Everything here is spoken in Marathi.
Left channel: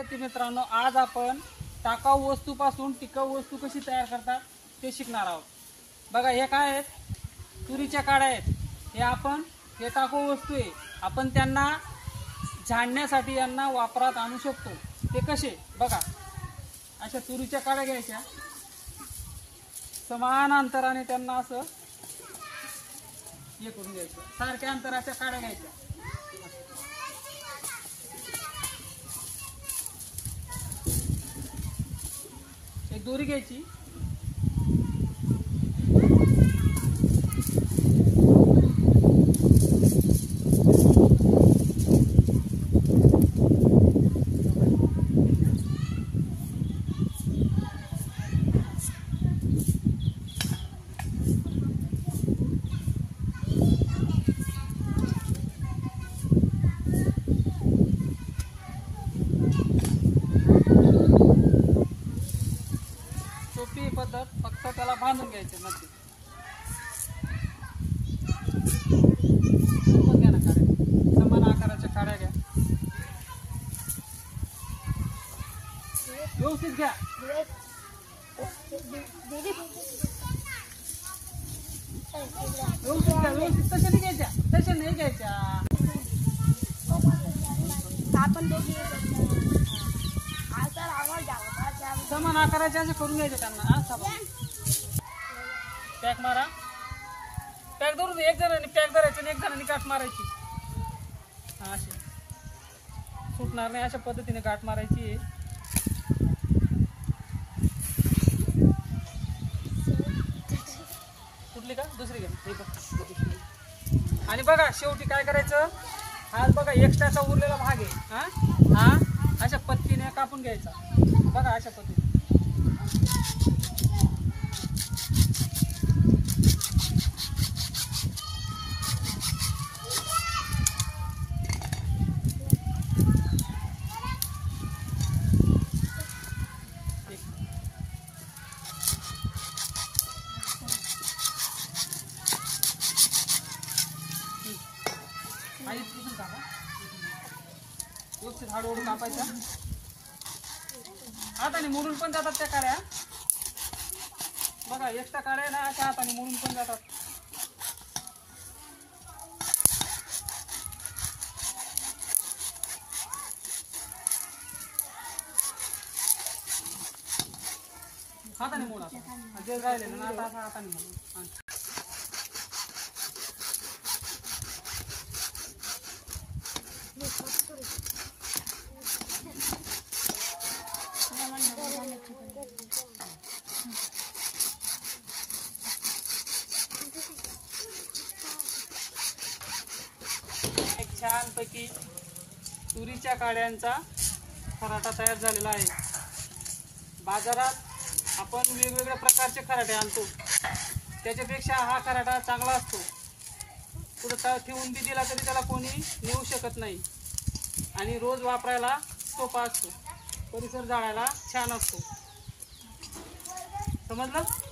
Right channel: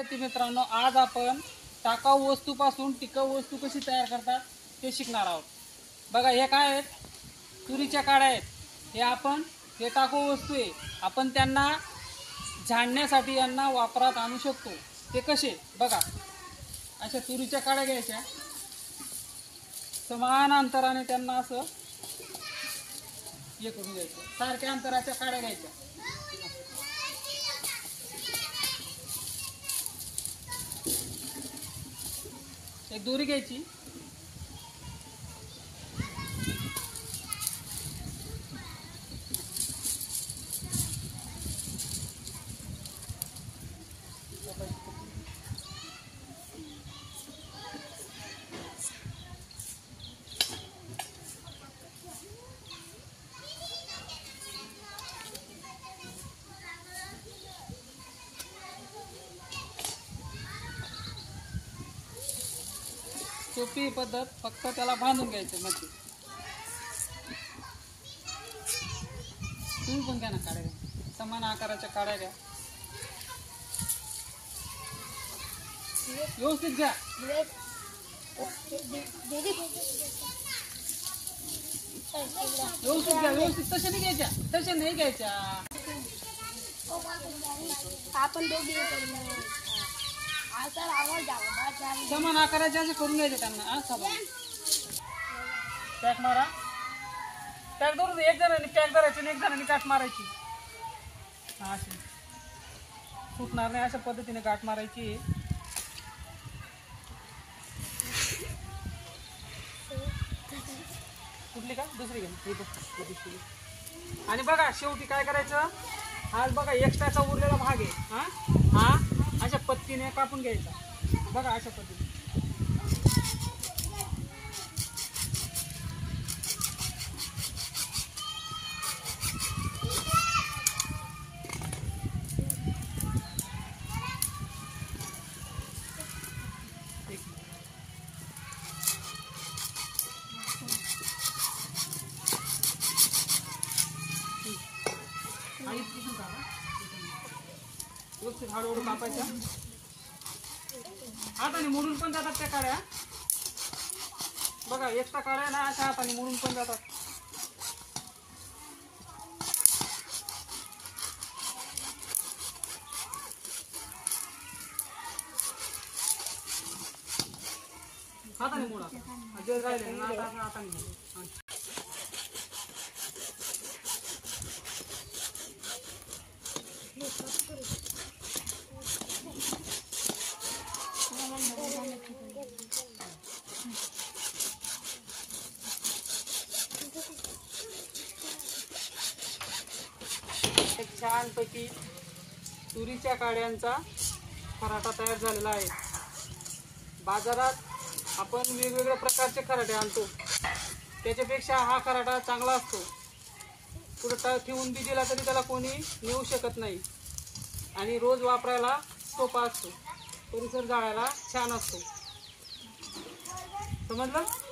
विद्यार्थी मित्रांनो, आज आपण टाकाऊ वस्तूपासून टिकाऊ वस्तू कशी तयार करतात ते शिकणार आहोत। बघा, हे काय आहेत? तुरीच्या काड्या आहेत। हे टाकाऊ वस्तू आहे। आपण त्यांना झाडण्यासाठी यांना वापरात आणू शकतो। ते कसे? बघा, अशा तुरीच्या काड्या घ्यायच्या, समान अंतराने त्यांना असं हे करून घ्यायचं, सारख्या अंतराच्या काड्या घ्यायच्या। एक दोरी घ्यायची, सोपी पद्धत, फक्त त्याला बांधून घ्यायचे मध्ये। घ्या ना काड्या, समान आकाराच्या काड्या घ्या, व्यवस्थित घ्या, व्यवस्थित तशा नाही घ्यायच्या, तशा नाही घ्यायच्या। आपण दोघी समान आकाराचे असे करून घ्यायचे त्यांना। पॅक मारा, पॅक धरून एक जणांनी पॅक धरायची आणि एक जणांनी गाठ मारायची। अशी सुटणार नाही, अशा पद्धतीने गाठ मारायची। कुठली का? दुसरी घ्या। आणि बघा, शेवटी काय करायचं? हा बघा, एक्स्ट्राचा उरलेला भाग आहे, हा अशा पत्तीने कापून घ्यायचा। बघा, अशा पद्धतीने हळूहळू कापायच्या। हाताने मोडून पण जातात त्या काड्या। बघा, एक्स्ट्रा काड्या ना अशा हाताने मोडून पण जातात। हाताने मोडा, जे राहिले ना आता हाताने मोडा। एक छानपैकी तुरीच्या काड्यांचा खराटा तयार झालेला आहे। बाजारात आपण वेगवेगळ्या प्रकारचे खराटे आणतो, त्याच्यापेक्षा हा खराटा चांगला असतो। कुठं ठेवून बी दिला तरी त्याला कोणी नेऊ शकत नाही आणि रोज वापरायला सोपा असतो, परिसर जाळायला छान असतो। समजलं?